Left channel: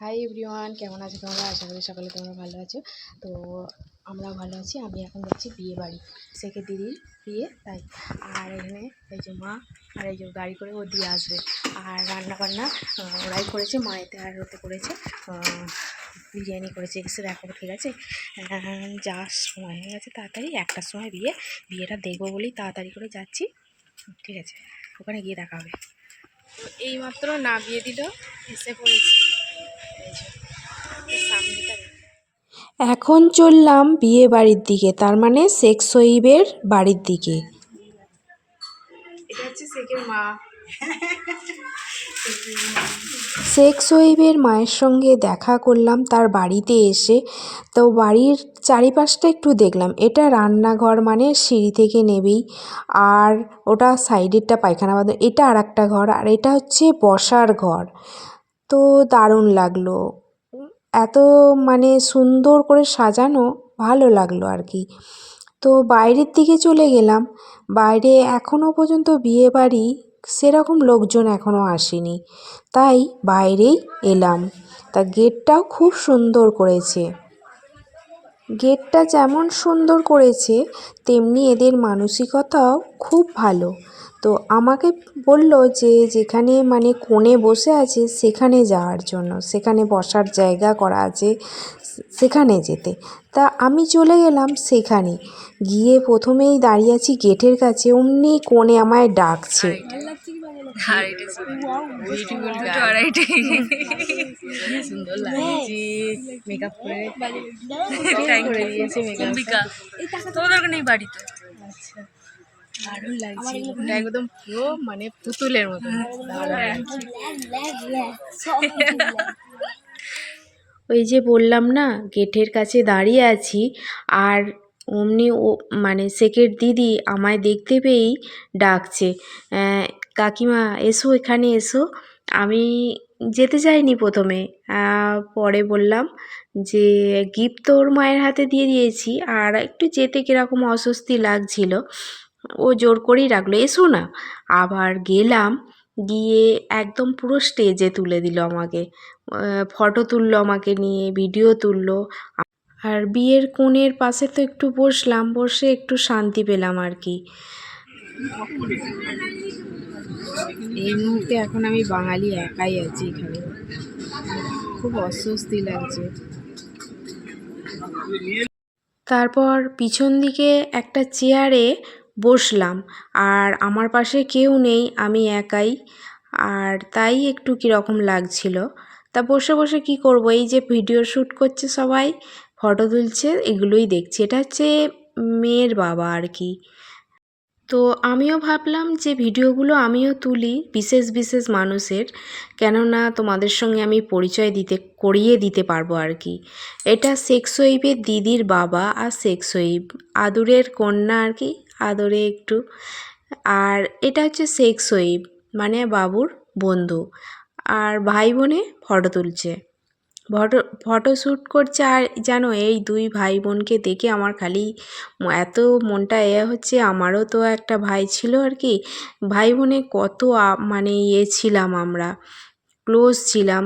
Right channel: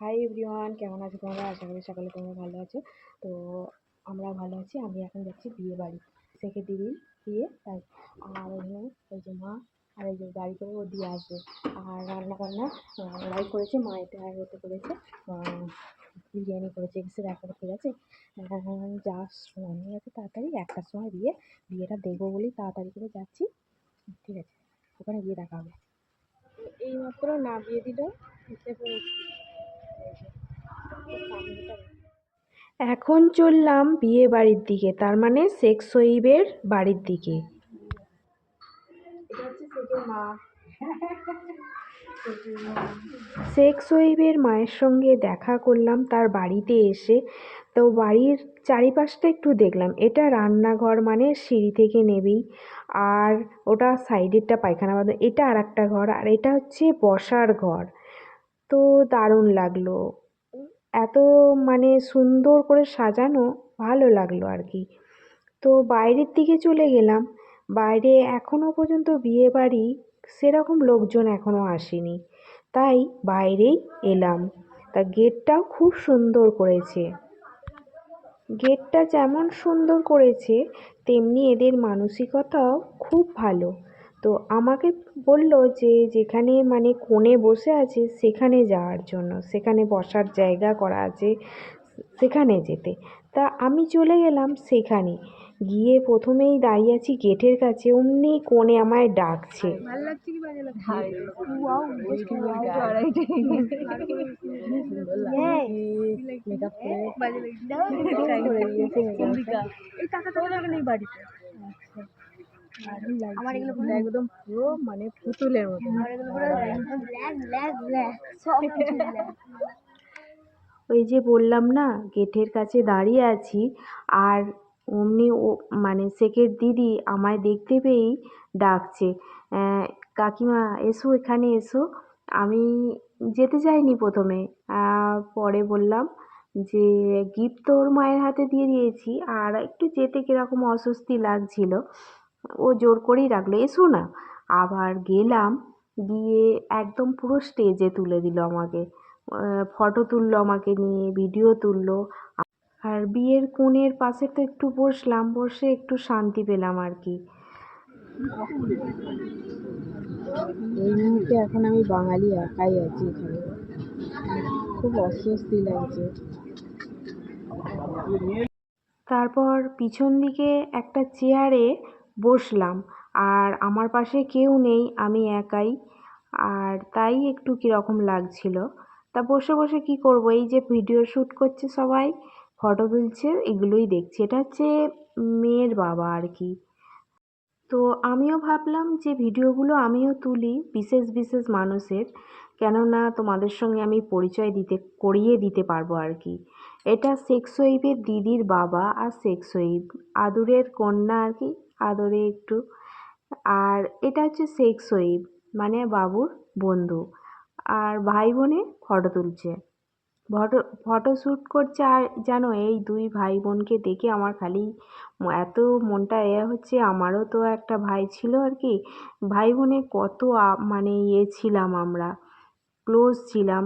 Hi everyone কেমন আছো তোমরা? আশা করি সকালে তোমরা ভালো আছো। তো আমরাও ভালো আছি। আমি এখন যাচ্ছি বিয়ে বাড়ি সেকে দিদির বিয়ে, তাই। আর এখানে এই যে মা আর এই যে গাড়ি করে ও দিয়ে আসবে। আর রান্না বান্না ওরাই করেছে মায়েতে আর ওতে করেছে বিরিয়ানি করেছে। এসে দেখো, ঠিক আছে? যাওয়ার সময় হয়ে গেছে তাড়াতাড়ি, একটার সময় বিয়ে। বিয়েটা দেখব বলেই তাড়াতাড়ি করে যাচ্ছি। ঠিক আছে, ওখানে গিয়ে দেখা হবে। তো এইমাত্র না বিয়ে দিল এসে পড়েছি। এখন চললাম বিয়ে বাড়ির দিকে তার মানে শেখ সহিবের বাড়ির দিকে। এটা হচ্ছে শেখের মা। শেখ সহিবের মায়ের সঙ্গে দেখা করলাম তার বাড়িতে এসে। তো বাড়ির চারিপাশটা একটু দেখলাম এটা রান্নাঘর মানে সিঁড়ি থেকে নেবেই আর ওটা সাইডেরটা পায়খানা বাথরুম এটা আর একটা ঘর আর এটা হচ্ছে বসার ঘর। তো দারুণ লাগল। এত মানে সুন্দর করে সাজানো ভালো লাগল আর কি। তো বাইরের দিকে চলে গেলাম। বাইরে এখনও পর্যন্ত বিয়ে বাড়ি সেরকম লোকজন এখনও আসেনি। তাই বাইরেই এলাম। তা গেটটাও খুব সুন্দর করেছে। গেটটা যেমন সুন্দর করেছে, তেমনি এদের মানসিকতাও খুব ভালো। তো আমাকে বলল যে যেখানে মানে কোণে বসে আছে সেখানে যাওয়ার জন্য সেখানে বসার জায়গা করা আছে সেখানে যেতে। তা আমি চলে গেলাম সেখানে। গিয়ে প্রথমেই দাঁড়িয়ে আছি গেটের কাছে অমনি কোণে আমায় ডাকছে। সুন্দর লাগছে মেকআপ করে করে দিয়েছে মেকআপ অম্বিকা তোমার দরকার নেই বাড়িতে। আচ্ছা। দারুণ লাগছে এটা একদম পুরো মানে পুতুলের মতো। ওই যে বললাম না গেটের কাছে দাঁড়িয়ে আছি আর অমনি ও মানে শেখের দিদি আমায় দেখতে পেয়েই ডাকছে কাকিমা এসো এখানে এসো। আমি যেতে চাইনি প্রথমে পরে বললাম যে গিফট তো ওর মায়ের হাতে দিয়ে দিয়েছি আর একটু যেতে কীরকম অস্বস্তি লাগছিল। ও জোর করেই রাখল, এসো না। আবার গেলাম, গিয়ে একদম পুরো স্টেজে তুলে দিল আমাকে। ফটো তুললো আমাকে নিয়ে ভিডিও তুললো। আর বিয়ের কোণের পাশে তো একটু বসলাম, বসে একটু শান্তি পেলাম আর কি। এই মুহূর্তে এখন আমি বাঙালি একাই আছি এখানে। খুব অস্বস্তি লাগছে। তারপর পিছন দিকে একটা চেয়ারে বসলাম। আর আমার পাশে কেউ নেই, আমি একাই। আর তাই একটু কীরকম লাগছিল। তা বসে বসে কি করব? এই যে ভিডিও শ্যুট করছে সবাই, ফটো তুলছে, এগুলোই দেখছি। এটা হচ্ছে মেয়ের বাবা আর কি। তো আমিও ভাবলাম যে ভিডিওগুলো আমিও তুলি বিশেষ বিশেষ মানুষের, কেননা তোমাদের সঙ্গে আমি পরিচয় দিতে, করিয়ে দিতে পারব আর কি। এটা শেখ দিদির বাবা আর শেখ আদুরের কন্যা আর কি আদরে একটু। আর এটা হচ্ছে শেখ সহিব মানে বাবুর বন্ধু। আর ভাই বোনে ফটো তুলছে। ফটো ফটো শ্যুট করছে আর জানো এই দুই ভাই বোনকে দেখে আমার খালি এত মনটা এ হচ্ছে, আমারও তো একটা ভাই ছিল আর কি। ভাই বোনে কত মানে ইয়ে ছিলাম আমরা, ক্লোজ ছিলাম।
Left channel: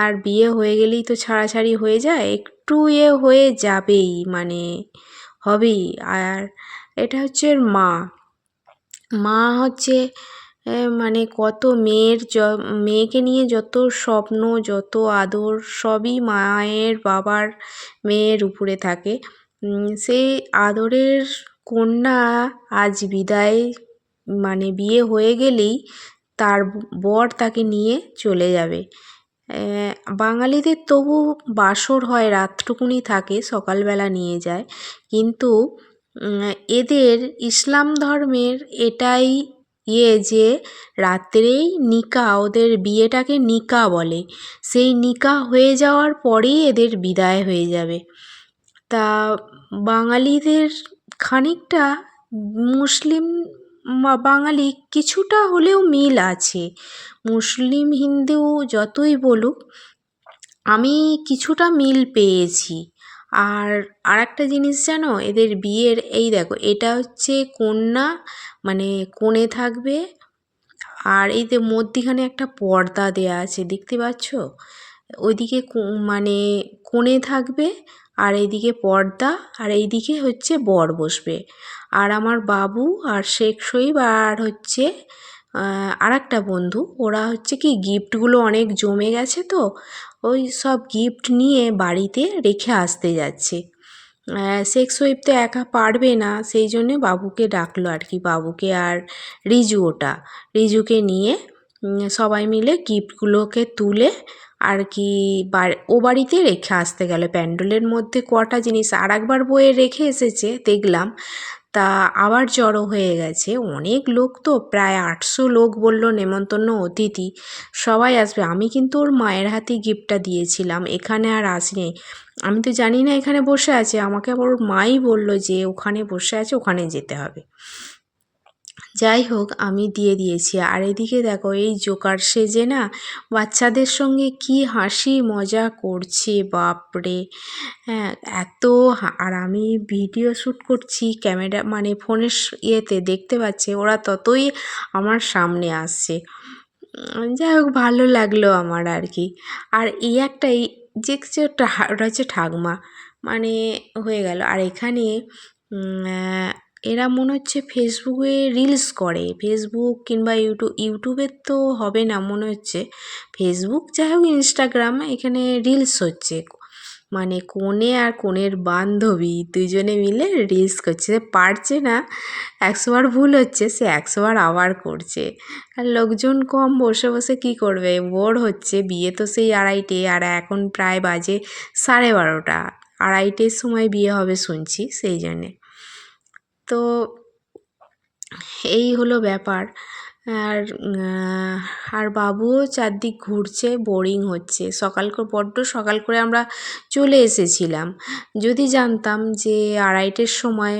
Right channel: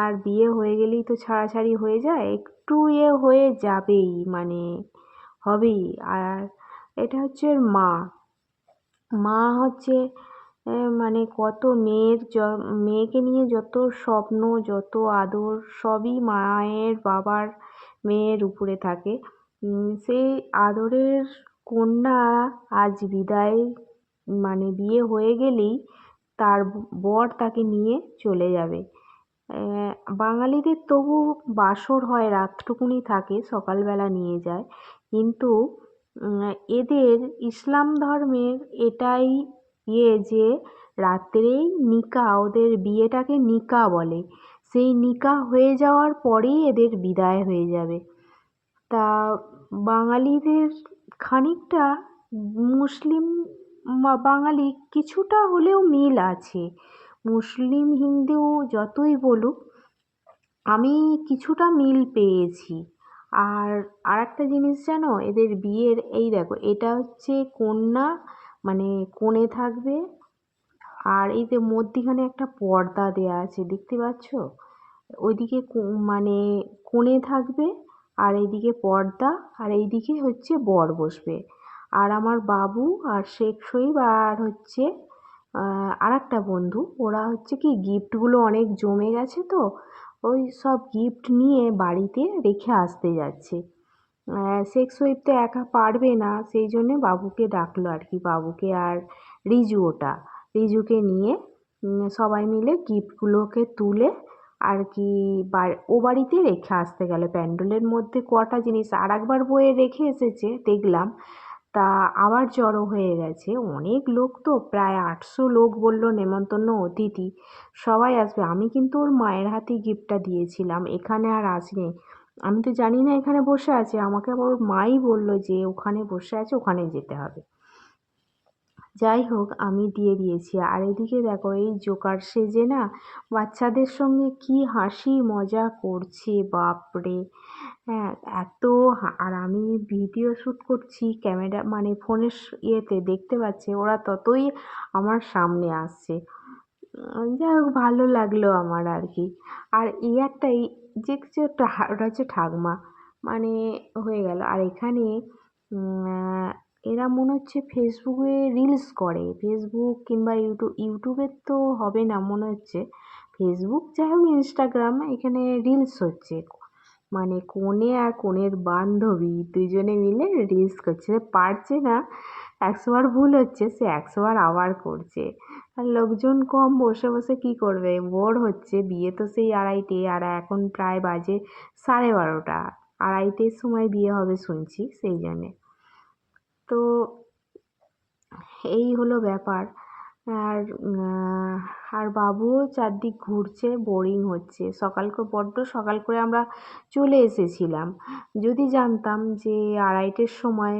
আর বিয়ে হয়ে গেলেই তো ছাড়াছাড়ি হয়ে যায়, একটু এ হয়ে যাবেই মানে হবেই। আর এটা হচ্ছে মা। মা হচ্ছে মানে কত মেয়ের য, মেয়েকে নিয়ে যত স্বপ্ন, যত আদর, সবই মায়ের বাবার মেয়ের উপরে থাকে। সেই আদরের কন্যা আজ বিদায় মানে বিয়ে হয়ে গেলেই তার বর তাকে নিয়ে চলে যাবে। বাঙালিদের তবু বাসর হয়, রাতটুকুনি থাকে, সকালবেলা নিয়ে যায়। কিন্তু এদের ইসলাম ধর্মের এটাই ইয়ে যে রাত্রেই নিকা, ওদের বিয়েটাকে নিকা বলে। সেই নিকা হয়ে যাওয়ার পরেই এদের বিদায় হয়ে যাবে। তা বাঙালিদের খানিকটা মুসলিম বাঙালি কিছুটা হলেও মিল আছে। মুসলিম হিন্দু যতই বলুক, আমি কিছুটা মিল পেয়েছি। আর আর একটা জিনিস জানো? এদের বিয়ের, এই দেখো, এটা হচ্ছে কন্যা মানে কোণে থাকবে আর এই যে মধ্যিখানে একটা পর্দা দেয়া আছে, দেখতে পাচ্ছ? ওইদিকে মানে কোণে থাকবে আর এইদিকে পর্দা আর এইদিকে হচ্ছে বর বসবে। আর আমার বাবু আর শেখ সহিব আর হচ্ছে আর একটা বন্ধু, ওরা হচ্ছে কি গিফটগুলো অনেক জমে গেছে তো ওই সব গিফট নিয়ে বাড়িতে রেখে আসতে যাচ্ছে। শেখ সহিব তো একা পারবে না, সেই জন্যে বাবুকে ডাকলো আর কি, বাবুকে আর রিজু ওটা। রিজুকে নিয়ে সবাই মিলে গিফটগুলোকে তুলে আর কি ও বাড়িতে রেখে আসতে গেল। প্যান্ডেলের মধ্যে কটা জিনিস আর একবার বয়ে রেখে এসেছে, দেখলাম। তা আবার জড়ো হয়ে গেছে। অনেক লোক তো, প্রায় আটশো লোক বলল, নেমন্তন্ন অতিথি, সবাই আসবে। আমি কিন্তু ওর মায়ের হাতে গিফটটা দিয়েছিলাম, এখানে আর আসিনি আমি তো জানি না এখানে বসে আছে, আমাকে আবার ওর মাই বলল যে, ওখানে বসে আছে, ওখানে যেতে হবে। যাই হোক, আমি দিয়ে দিয়েছি। আর এদিকে দেখো, এই জোকার সেজে না বাচ্চাদের সঙ্গে কি হাসি মজা করছে, বাপরে। হ্যাঁ এত আর আমি ভিডিও শ্যুট করছি, ক্যামেরা মানে ফোনের ইয়েতে দেখতে পাচ্ছে, ওরা ততই আমার সামনে আসছে। যাই হোক, ভালো লাগল আমার আর কি। আর এই একটাই, যে ওটা হচ্ছে ঠাকমা। মানে হয়ে গেল। আর এখানে এরা মনে হচ্ছে ফেসবুকে রিলস করে। ফেসবুক কিংবা ইউটিউব ইউটিউবের তো হবে না, মনে হচ্ছে। ফেসবুক যাই হোক ইনস্টাগ্রাম এখানে রিলস হচ্ছে। মানে কনে আর কনের বান্ধবী দুজনে মিলে রিলস করছে। পারছে না একশোবার ভুল হচ্ছে, সে একশোবার আবার করছে। আর লোকজন কম বসে বসে কি করবে? বোর হচ্ছে। বিয়ে তো সেই আড়াইটে, আর এখন প্রায় বাজে সাড়ে বারোটা। আড়াইটের সময় বিয়ে হবে শুনছি, সেই জন্যে। তো এই হলো ব্যাপার। আর আর বাবুও চারদিক ঘুরছে বোরিং হচ্ছে। সকাল করে, বড্ড সকাল করে আমরা চলে এসেছিলাম। যদি জানতাম যে আড়াইটের সময়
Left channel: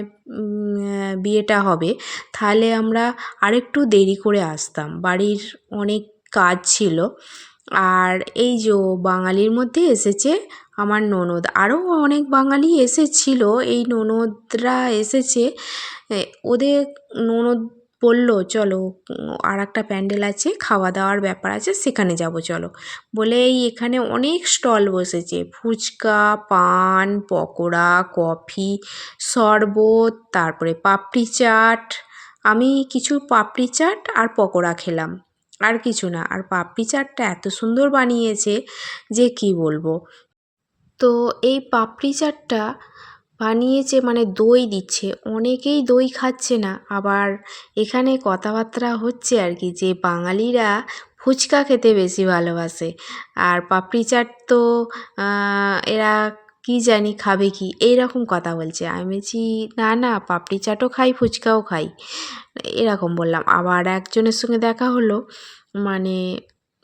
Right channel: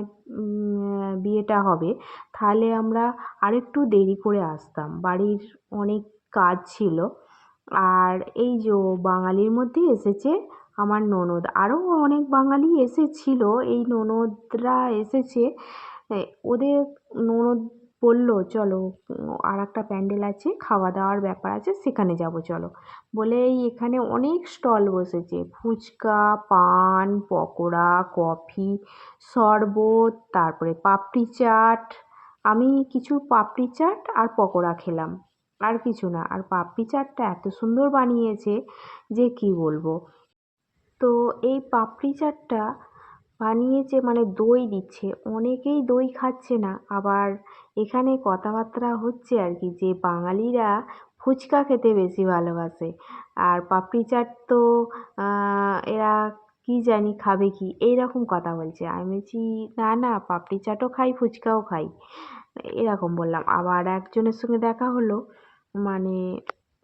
বিয়েটা হবে, তাহলে আমরা আরেকটু দেরি করে আসতাম। বাড়ির অনেক কাজ ছিল। আর এই যে বাঙালির মধ্যে এসেছে আমার ননদ। আরও অনেক বাঙালি এসেছিল, এই ননদরা এসেছে। ওদের ননদ বলল, চলো আর একটা প্যান্ডেল আছে খাওয়া দাওয়ার ব্যাপার আছে, সেখানে যাব, চলো। বলে এই এখানে অনেক স্টল বসেছে। ফুচকা, পান, পকোড়া, কফি, শরবত, তারপরে পাপড়ি চাট। আমি কিছু পাপড়ি চাট আর পকোড়া খেলাম। আর কিছু না, আর পাপড়ি চাটটা এত সুন্দর বানিয়েছে যে কি বলব? তো এই পাপড়ি চাটটা বানিয়েছে মানে দই দিচ্ছে। অনেকেই দই খাচ্ছে না। আবার এখানে কথাবার্তা হচ্ছে আর কি যে বাঙালিরা ফুচকা খেতে বেশি ভালোবাসে। আর পাপড়ি চাট তো এরা কি জানি খাবে কি এই রকম কথা বলছে। আমি বলছি, না না, পাপড়ি চাটও খাই, ফুচকাও খাই। এরকম বললাম। আবার একজনের সঙ্গে দেখা হলো। মানে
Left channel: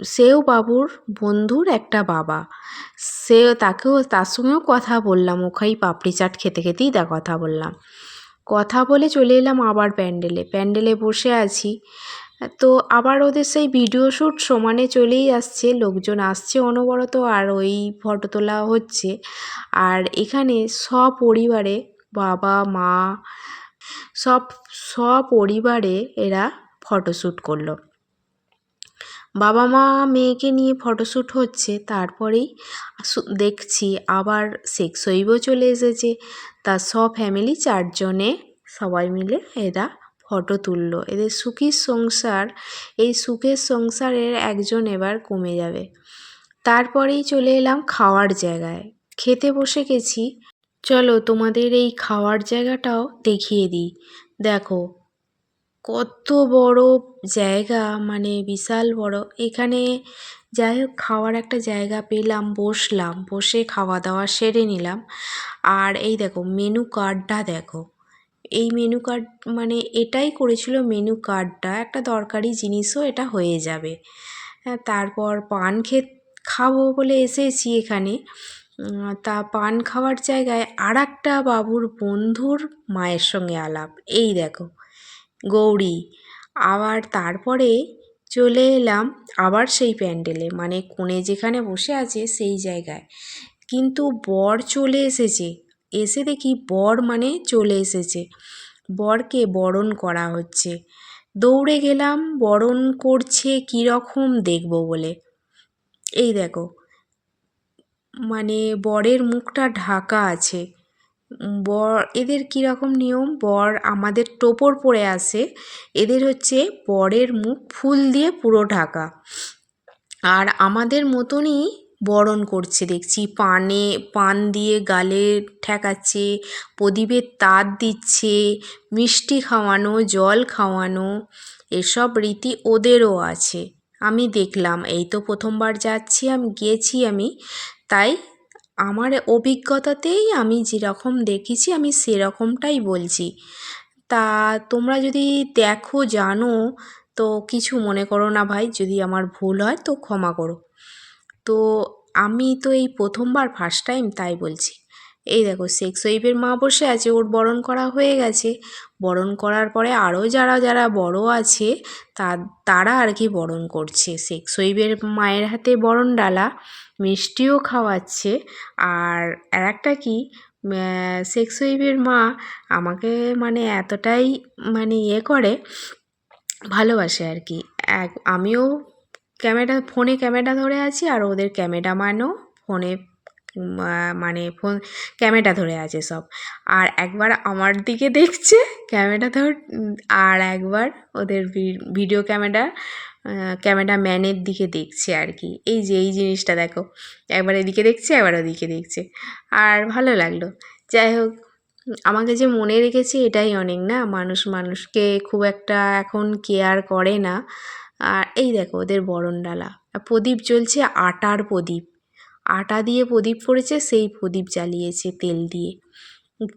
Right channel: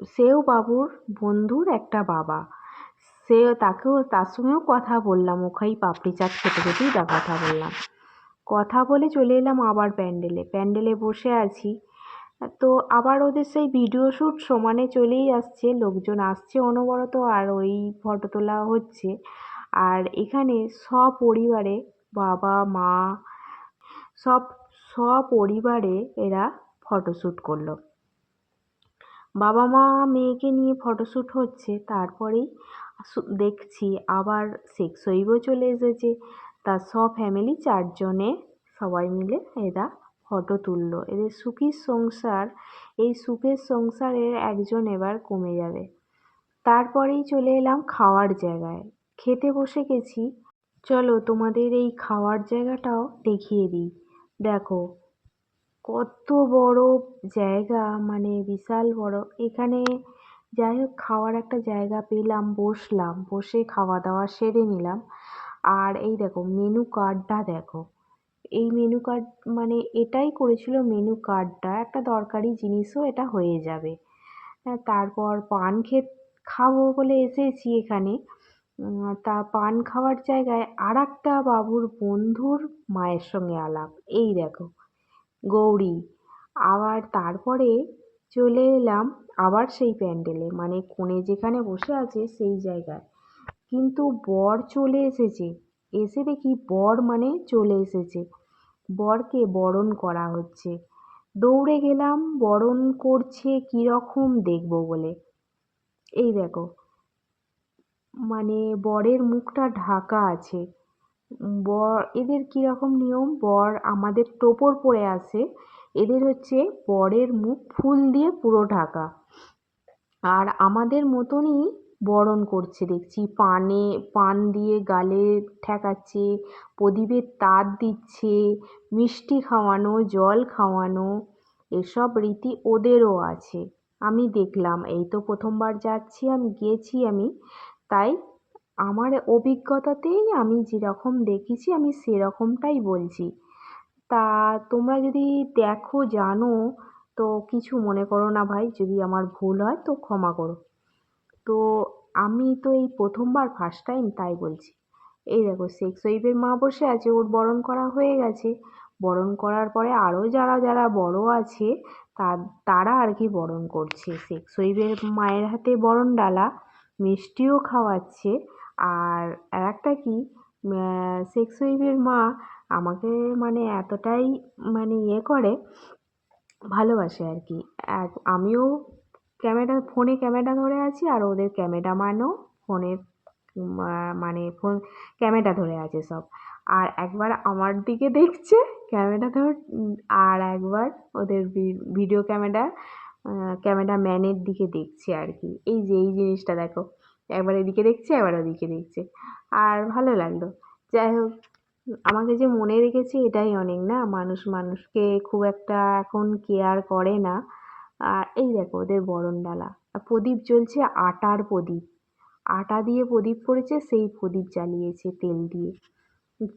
সেও বাবুর বন্ধুর একটা বাবা। সেও তাকেও, তার সঙ্গেও কথা বললাম, ওখানেই পাপড়ি চাট খেতে খেতেই তা কথা বললাম। কথা বলে চলে এলাম আবার প্যান্ডেলে। প্যান্ডেলে বসে আছি। তো আবার ওদের সেই ভিডিও শ্যুট সমানে চলেই আসছে, লোকজন আসছে অনবরত আর ওই ফটো তোলা হচ্ছে। আর এখানে সপরিবারে বাবা, মা, সব, সপরিবারে এরা ফটোশ্যুট করল। বাবা মা মেয়েকে নিয়ে ফটোশ্যুট হচ্ছে, তারপরেই দেখছি আবার শেখ সইবও চলে এসেছে। তার সব ফ্যামিলি চারজনে সবাই মিলে এরা ফটো তুললো। এদের সুখী সংসার, এই সুখের সংসারের একজন এবার কমে যাবে। তারপরেই চলে এলাম খাওয়ার জায়গায়। খেতে বসে গেছি। চলো তোমাদের এই খাওয়ার জায়গাটাও দেখিয়ে দিই। দেখো কত বড় জায়গা মানে বিশাল বড়। এখানে যাই হোক, খাওয়ার একটা জায়গা পেলাম, বসলাম, বসে খাওয়া দাওয়া সেরে নিলাম। আর এই দেখো মেনু কার্ডটা দেখো। এই মেনু কার্ড মানে এটাই করেছিল মেনু কার্ডটা একটা দরকারি জিনিসও এটা হয়ে যাবে। হ্যাঁ তারপর পান খেত, খাব বলে এসেছি এখানে। তা পান খাওয়ার জায়গায় আর একটা বাবুর বন্ধুর মায়ের সঙ্গে আলাপ। এই দেখো গৌরী। আবার তারপরে চলে এলাম আবার সেই প্যান্ডেলে মানে কোণে যেখানে বসে আছে সেই জায়গায়। কিন্তু বর চলে এসেছে। এসে দেখি বর মানে চলে এসেছে। বরকে বরণ করা হচ্ছে। দৌড়ে গেলাম, বরণ করছে কীরকম দেখব বলে। এই দেখো মানে বরের মুখটা ঢাকা আছে। বর, এদের কীরকম নিয়ম? বর আমাদের টোপর পরে আসে এদের হচ্ছে বরের মুখ ফুল দিয়ে পুরো ঢাকা। আর আমাদের মতনই বরণ করছে, দেখছি। পানে, পান দিয়ে গালে ঠেকাচ্ছে, প্রদীপের তাত দিচ্ছে, মিষ্টি খাওয়ানো, জল খাওয়ানো, এসব রীতি ওদেরও আছে। আমি দেখলাম, এই তো প্রথমবার যাচ্ছি, আমি গিয়েছি আমি, তাই আমার অভিজ্ঞতাতেই আমি যেরকম দেখেছি, আমি সেরকমটাই বলছি। তা তোমরা যদি দেখো, জানো, তো কিছু মনে করো না ভাই, যদি আমার ভুল হয় তো ক্ষমা করো। তো আমি তো এই প্রথমবার ফার্স্ট টাইম তাই বলছি। এই দেখো শেখ সহিবের মা বসে আছে, ওর বরণ করা হয়ে গেছে। বরণ করার পরে আরও যারা যারা বড় আছে, তা, তারা আর কি বরণ করছে। শেখ সহিবের মায়ের হাতে বরণ ডালা, মিষ্টিও খাওয়াচ্ছে। আর আর একটা কি শেখ সহিবের মা আমাকে মানে এতটাই মানে ইয়ে করে, ভালোবাসে আর কি। এক, আমিও ক্যামেরা, ফোনে ক্যামেরা ধরে আছি আর ওদের ক্যামেরাম্যানও ফোনে মানে ফোন ক্যামেরা ধরে আছে সব। আর একবার আমার দিকে দেখছে ক্যামেরা ধর আর একবার ওদের ভিডিও ক্যামেরা ক্যামেরা ম্যানের দিকে দেখছে আর কি। এই যে, এই জিনিসটা দেখো। একবার এদিকে দেখছে, একবার ওদিকে দেখছে। আর ভালো লাগল। যাই হোক, আমাকে যে মনে রেখেছে এটাই অনেক না? মানুষ মানুষকে খুব একটা এখন কেয়ার করে না। আর এই দেখো, ওদের বরণডালা। প্রদীপ জ্বলছে আটার প্রদীপ। আটা দিয়ে প্রদীপ করেছে সেই প্রদীপ জ্বালিয়েছে তেল দিয়ে।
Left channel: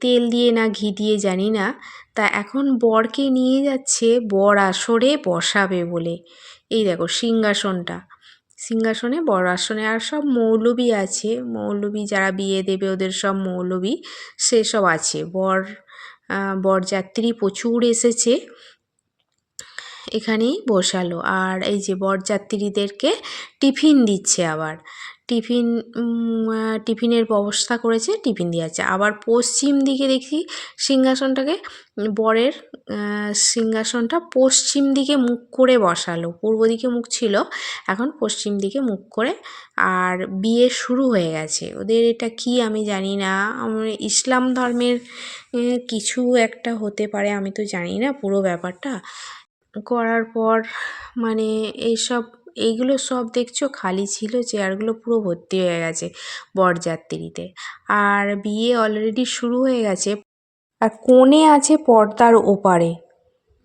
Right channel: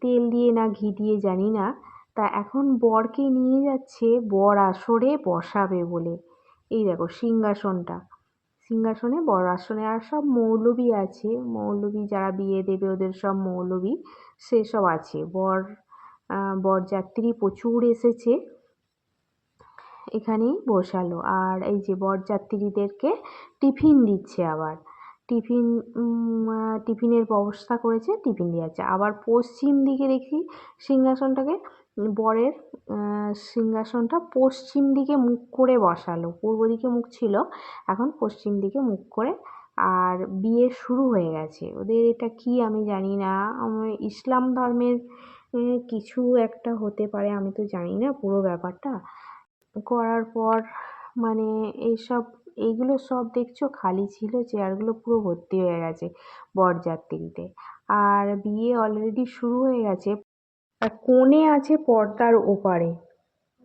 তেল দিয়ে না ঘি দিয়ে জানি না, তা এখন বরকে নিয়ে যাচ্ছে, বর আসরে বসাবে বলে। এই দেখো সিংহাসনটা। সিংহাসনে বর আসনে আর সব মৌলবি আছে, মৌলবি যারা বিয়ে দেবে ওদের সব মৌলবি সেসব আছে। বর বরযাত্রী প্রচুর এসেছে, এখানেই বসালো। আর এই যে বরযাত্রীদেরকে টিফিন দিচ্ছে আবার। টিফিন টিফিনের ব্যবস্থা করেছে, টিফিন দিয়েছে। আবার পশ্চিম দিকে দেখি সিংহাসনটাকে, বরের সিংহাসনটা পশ্চিম দিকে মুখ করে বসালো। পূর্ব দিকে মুখ ছিল, এখন পশ্চিম দিকে মুখ করে। আর বিয়ে শুরু হয়ে গেছে। ওদের এটা কি আমি জানি না। আমার ইসলাম ধর্মের কিছু একটা হতে পারে, আমি তো জানি না পুরো ব্যাপারটা। করার পর মানে এইসব এইগুলো সব দেখছ? খালি ছিল চেয়ারগুলো পুরো ভর্তি হয়ে গেছে বরযাত্রীতে। আর বিয়ে অলরেডি শুরু হয়ে গেছে। আর কোণে আছে পর্দার ওপারে।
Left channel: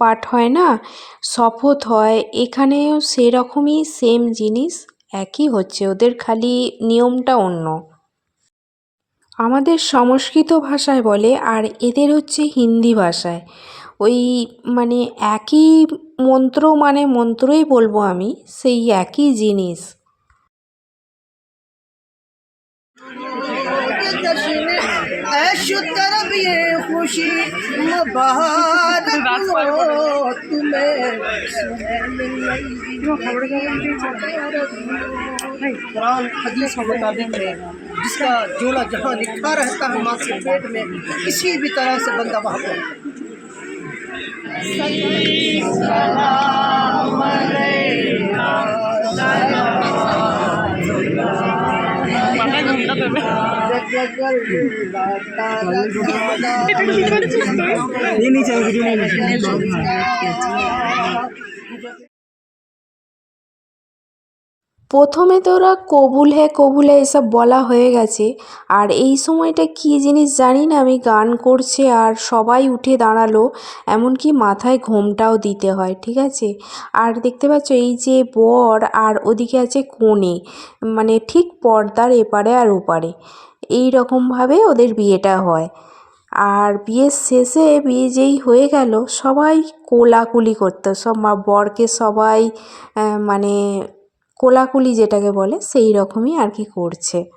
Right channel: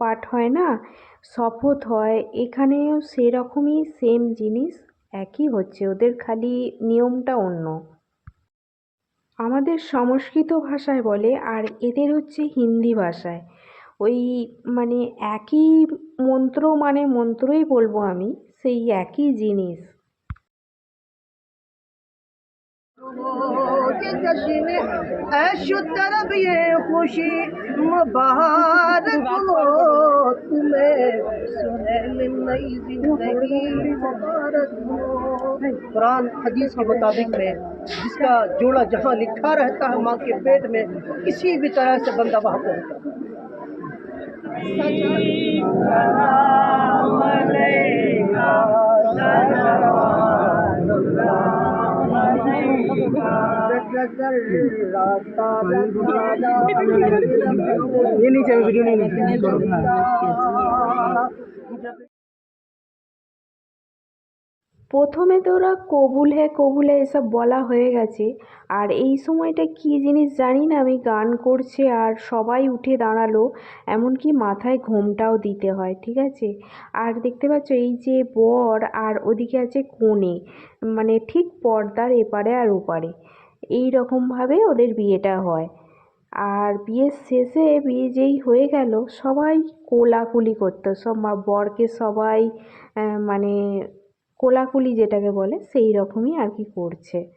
পাঠ হয় না শপথ হয় এখানেও সেরকমই সেম জিনিস একই হচ্ছে ওদের খালি নিয়মটা অন্য আমাদের সংস্কৃত ভাষায় বলে আর এদের হচ্ছে হিন্দি ভাষায় ওই মানে একই মন্ত্র মানে মন্ত্রই বলবো আমি সেই একই জিনিস जश्न ऐशो तरब ये खुशी मुबारक हो तुम्हें कुरान हदीस के मुताबिक में जिसका जोड़ा जहाँ लिखा रहता है माँ के पेट में किसी भी तरह से बंदा वहाँ पहुँचता है। ये नहीं चाहिए वीडियो প্রথমে তো ওরা কবুল হে কবুল হে এসব বলা হয়ে গেছে আর এই সময়টা কী জিনিস জানি না আমি গান করছে আর সবাই উঠে দাঁড়ালো এমনকি মাথায় ঘোমটাও দিতে হয় ঠিক আছে আর দেখতে পাচ্ছ এই যে বর আর ওদিকে আছে কনে মানে ঠিক পর্দার এপারে আর ওপারে এই রকমভাবে ওদের বিয়েটা হয়। আর বিয়ের শেষে বিয়ে যেই হয়ে গেল, সবাই কোলাকুলি করতো। সব মা- বরকে সবাই মানে কোলাকুলি যেটাকে বলে, সেই রকমই আর কি করছে।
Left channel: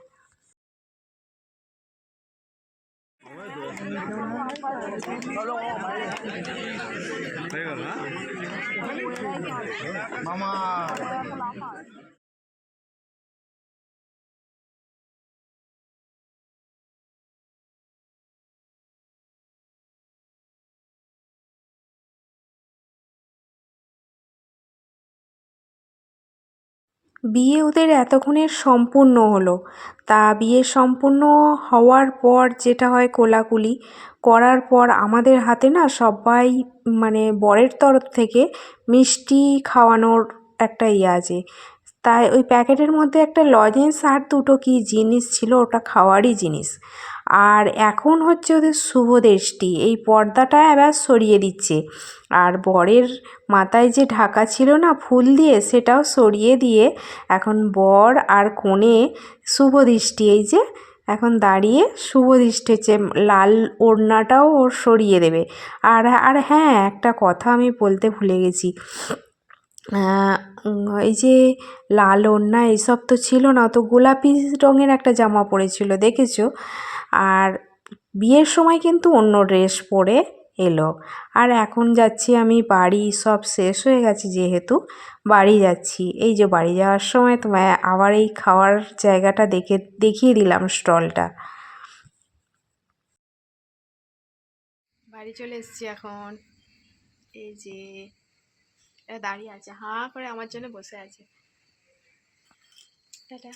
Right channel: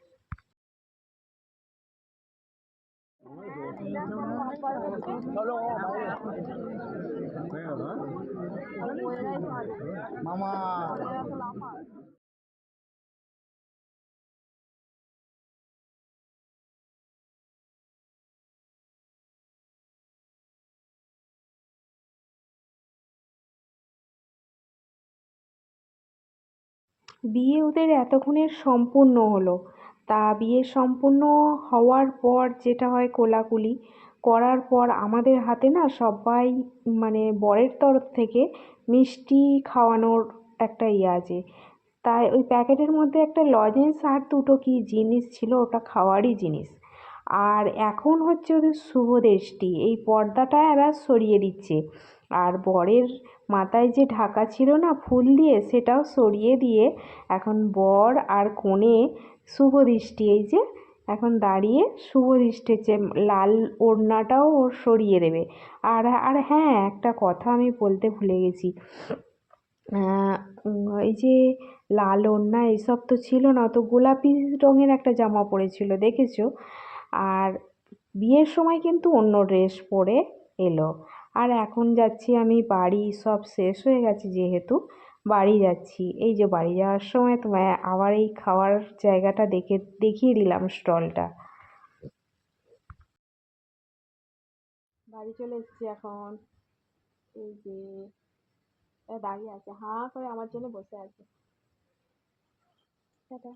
হয়ে বিয়ে ওদের এতক্ষণের সম্পূর্ণ হলো। তা বিয়ে সম্পূর্ণ হওয়ার পর যেটা হয় কোলাকুলি করার পর আমাদের হাতে না সবাই মানে বরের তরফ থেকে মিষ্টি খাওয়ানোর একটা ইয়ে আছে। তাই ওই প্যাকেটের মধ্যে একটা লজেন্স আর দুটো কি জিনিস ছিল ওটা খাওয়ারই জিনিস। আর এখন হচ্ছে ওদের শুভ দৃষ্টি এই পর্দাটা এবার সরিয়ে দিচ্ছে। আর বরের মাথায় যে ঢাকা ছিল না ফুল দিয়ে, সেটাও সরিয়ে দিয়ে এখন বর আর কনে শুভ দৃষ্টি। এই যে এখন দাঁড়িয়ে শুভ দৃষ্টি হচ্ছে লাল ওড়নাটাও ওর সরিয়ে দেবে। আর আর হ্যাঁ একটা কথা আমি বলতে ভুলে গেছি। এই যে লাল ওড়না এইসব তো ছিল না, তো গোলাপি রঙের একটা জামা পরেছিল দেখেছ? আর বিয়ের সময় কিন্তু অন্য ড্রেস পরে এলো। আর এখন যাচ্ছি আমি, বাড়ি সব শেষ হয়ে গেছে যেহেতু, বাড়ি যাচ্ছি। এই যে বাড়ি যাওয়ার সময় তোমায় আবার এই খাওয়ার জায়গাটা দেখে, দেখিয়ে দিলাম স্টলটা। বাড়ি চলে এসেছি এখন। এই যে দাঁড়িয়ে আছে হা করে আমার জন্য বসে আছে। টাটা।